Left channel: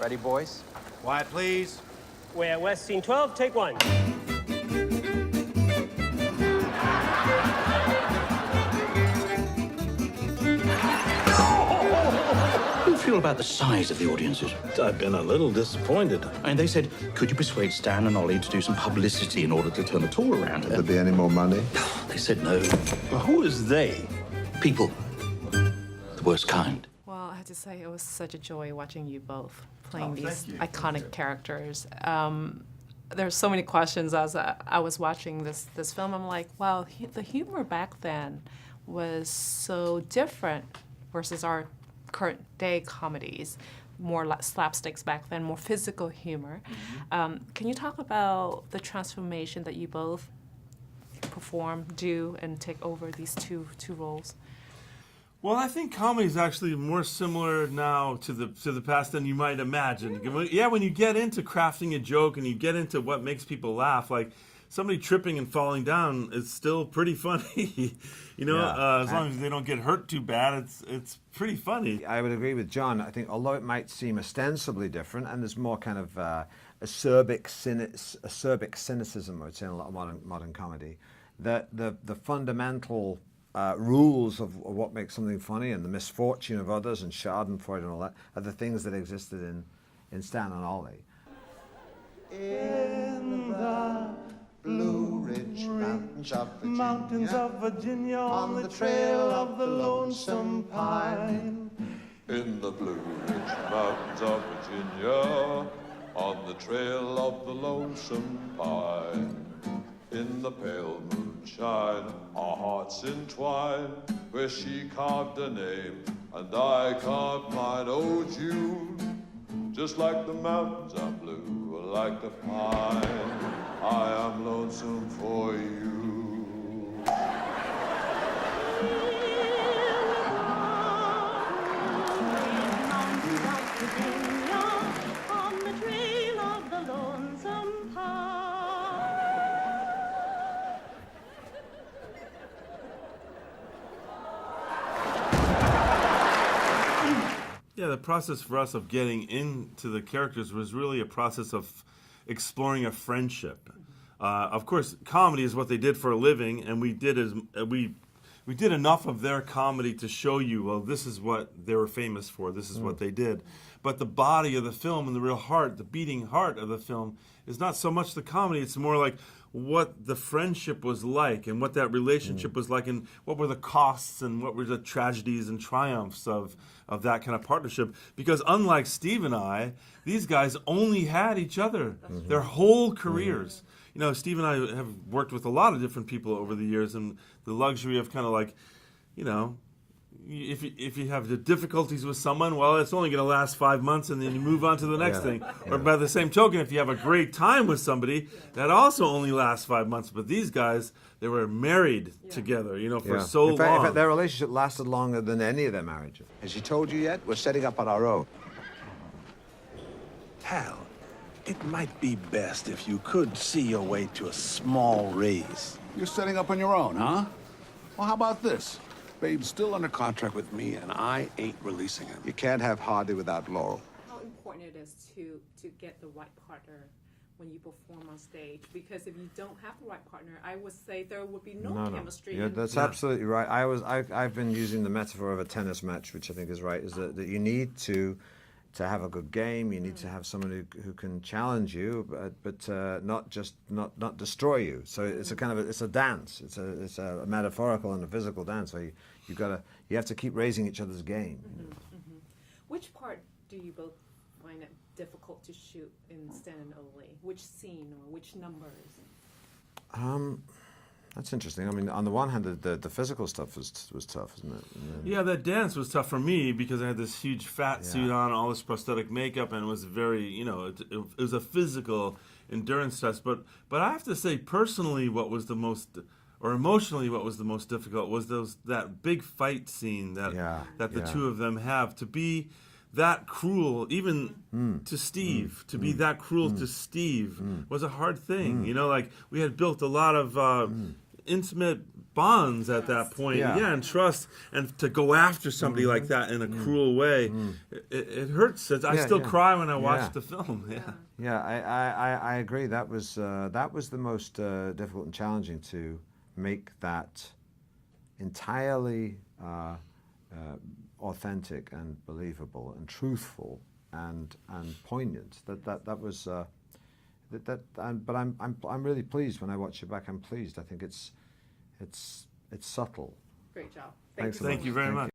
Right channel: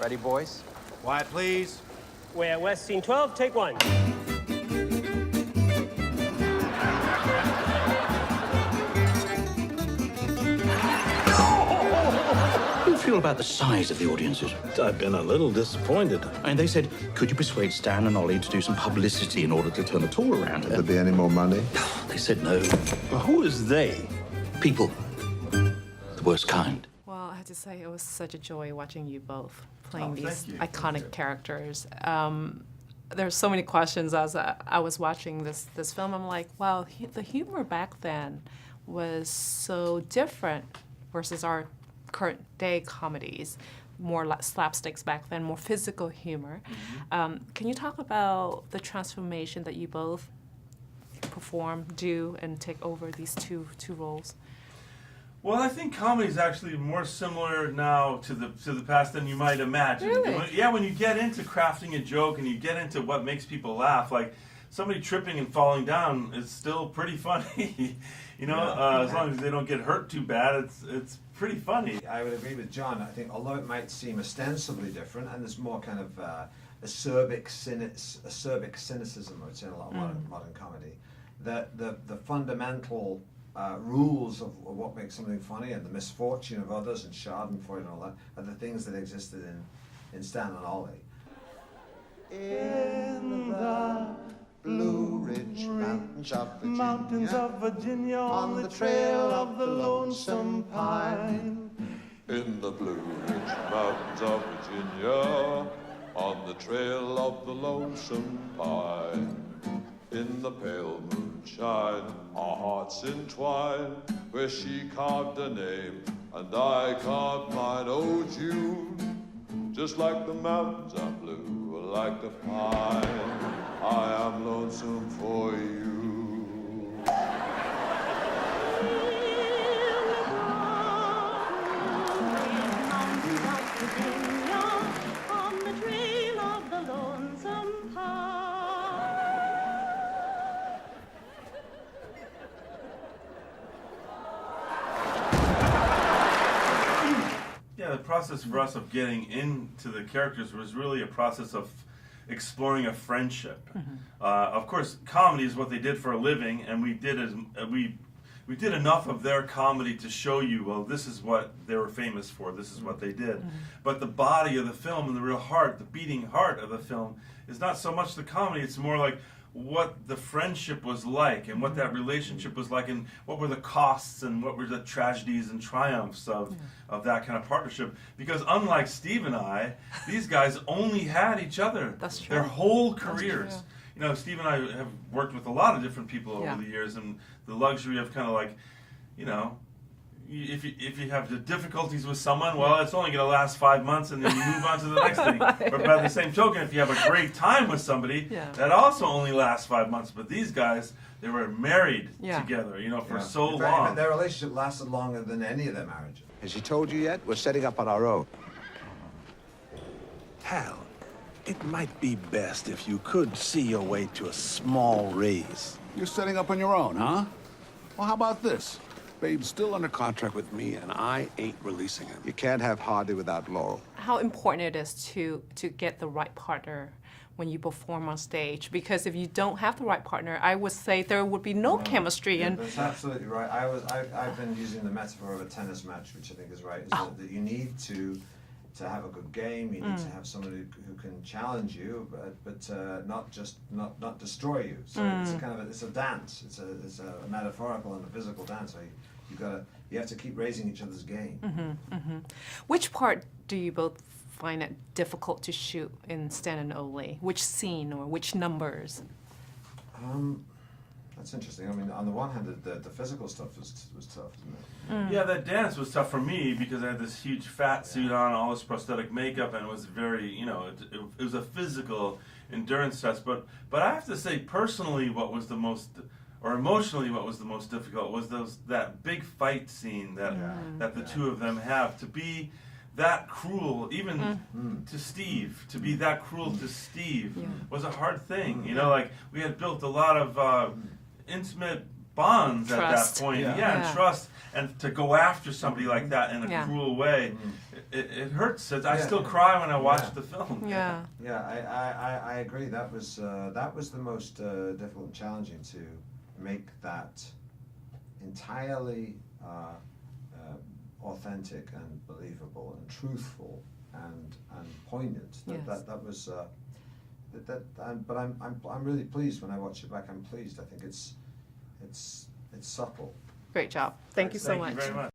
Ready, boys? Quiet, please. We're at West Scene 12, take one. How do you feel about the size of the audiences? I've been a little disappointed. And they said, could you persuade Stan and Ollie to do some publicity in order to turn the tour around? Will there be any more money? They said no. Well, who is they? People. The worst kind. Well, I have to say, it was such a joy watching you both playing these you. iconic characters. There's so many questions as I was watching this film. I'm like, wow, the humor back then was so different versus our current day comedies. More like slapsticks back then, more physical humor. Can you talk about the transformation that you both perform, do, and take over these two roles? Well, I think comedy is actually more similar now to the past than you might imagine. Really? Yeah, when you get into crafting a joke and you get into what makes people laugh, like somebody tripping and falling down is still pretty funny. You know, as long as they don't get hurt too bad, it's pretty funny. I would agree with John. I think although it might seem ostensibly different, and there's more kind of acerbic cynicism, I would say, in a lot of modern comedy, that the fundamental rules of what makes something funny and the misfortune of others and Schadenfreude and all that are the things that existed in Stan and Ollie. In the Blue Ridge Mountains of Virginia, on the trail of the lonesome pine. In the Blue Ridge Mountains of Virginia, on the trail of the lonesome pine. In the pale moonshine, our hearts entwine, where she carved a name and I carved mine. Oh, June, just like the mountains are blue, like the pine, I am lonesome for you. On the trail of the lonesome pine. Yeah, the process for us of getting into the characters was really a process of exploring a friendship. Of course, comedy is what they did for a living, and we did enough of their comedy to show you, well, this is what they were famous for, this is what they did. But the body of the film and the real heart, the beating heart of the film, is not so much the comedy, it's more like what the friendship was like and what that relationship was like and what were the costs and what were the tragedies and triumphs of that kind of partnership. Because unlike Steve and I, these guys only had each other their whole careers. You know, Steve and I have worked with a lot of different people over the years, and the luxury of kind of like, you know, if you have the difficulties with someone, well, it's only going to last 5 months, and then you move on to the next thing. Or by the same token, if you have a great time with somebody, that also only lasts 5 months. But these guys, they were married together, you know, for so long. In fact, their relationship lasted longer than any of their marriages. Has she told you yet? We're setting up on our own. Hal, it might be best if you could see your way to a small raise. You're setting up on your own, huh? Well, how about this? Babe's still under contract with me, and I ain't releasing him. You can't have Hardy without Laurel. How important it is to get the right partner when you perform on stage, because if you don't have the right partner, I would say there would be no chemistry. Yeah, that's absolutely right. I've been using the metaphor of a tennis match, which I think is right. Is that you need to have a good game. You need to have someone who can challenge you, but not destroy you. So it's a kind of it's a dance. It's a metaphorical and a physical dance. So you have to keep raising each other's game. Which part do you both find it difficult to shoot in Stan and Ollie? Which scene or which numbers? That's interesting. I mean, on the one hand, the physical stuff was tough, isn't it? Yeah, that dance was tough for me because I had this huge fat suit on, all this prosthetic makeup, and it was very, you know, it was a physical endurance test. But I have to say, personally, what was the most, or emotionally, what was the most difficult was that big fight scene that the two of them have. To be that cruel, even to Steve, to be that cruel to Steve was a hard thing. You know, like we had built a lot of intimate bonds at Trust. that point. Yeah. Yeah, and Yeah. trust, and to go after somebody like that in a Yeah. cruel way, it hurts. I Yeah, still yeah. cry when I watch Yeah. the film. Yeah. Yeah, I agree. That was the most difficult and challenging, to make that entirely authentic and believable and truthful and poignant. Yes. That was but I'm really pleased when I watch it back. I'm pleased. I think it's subtle. Great job. Thank you so Excellent. much. Thank you very much.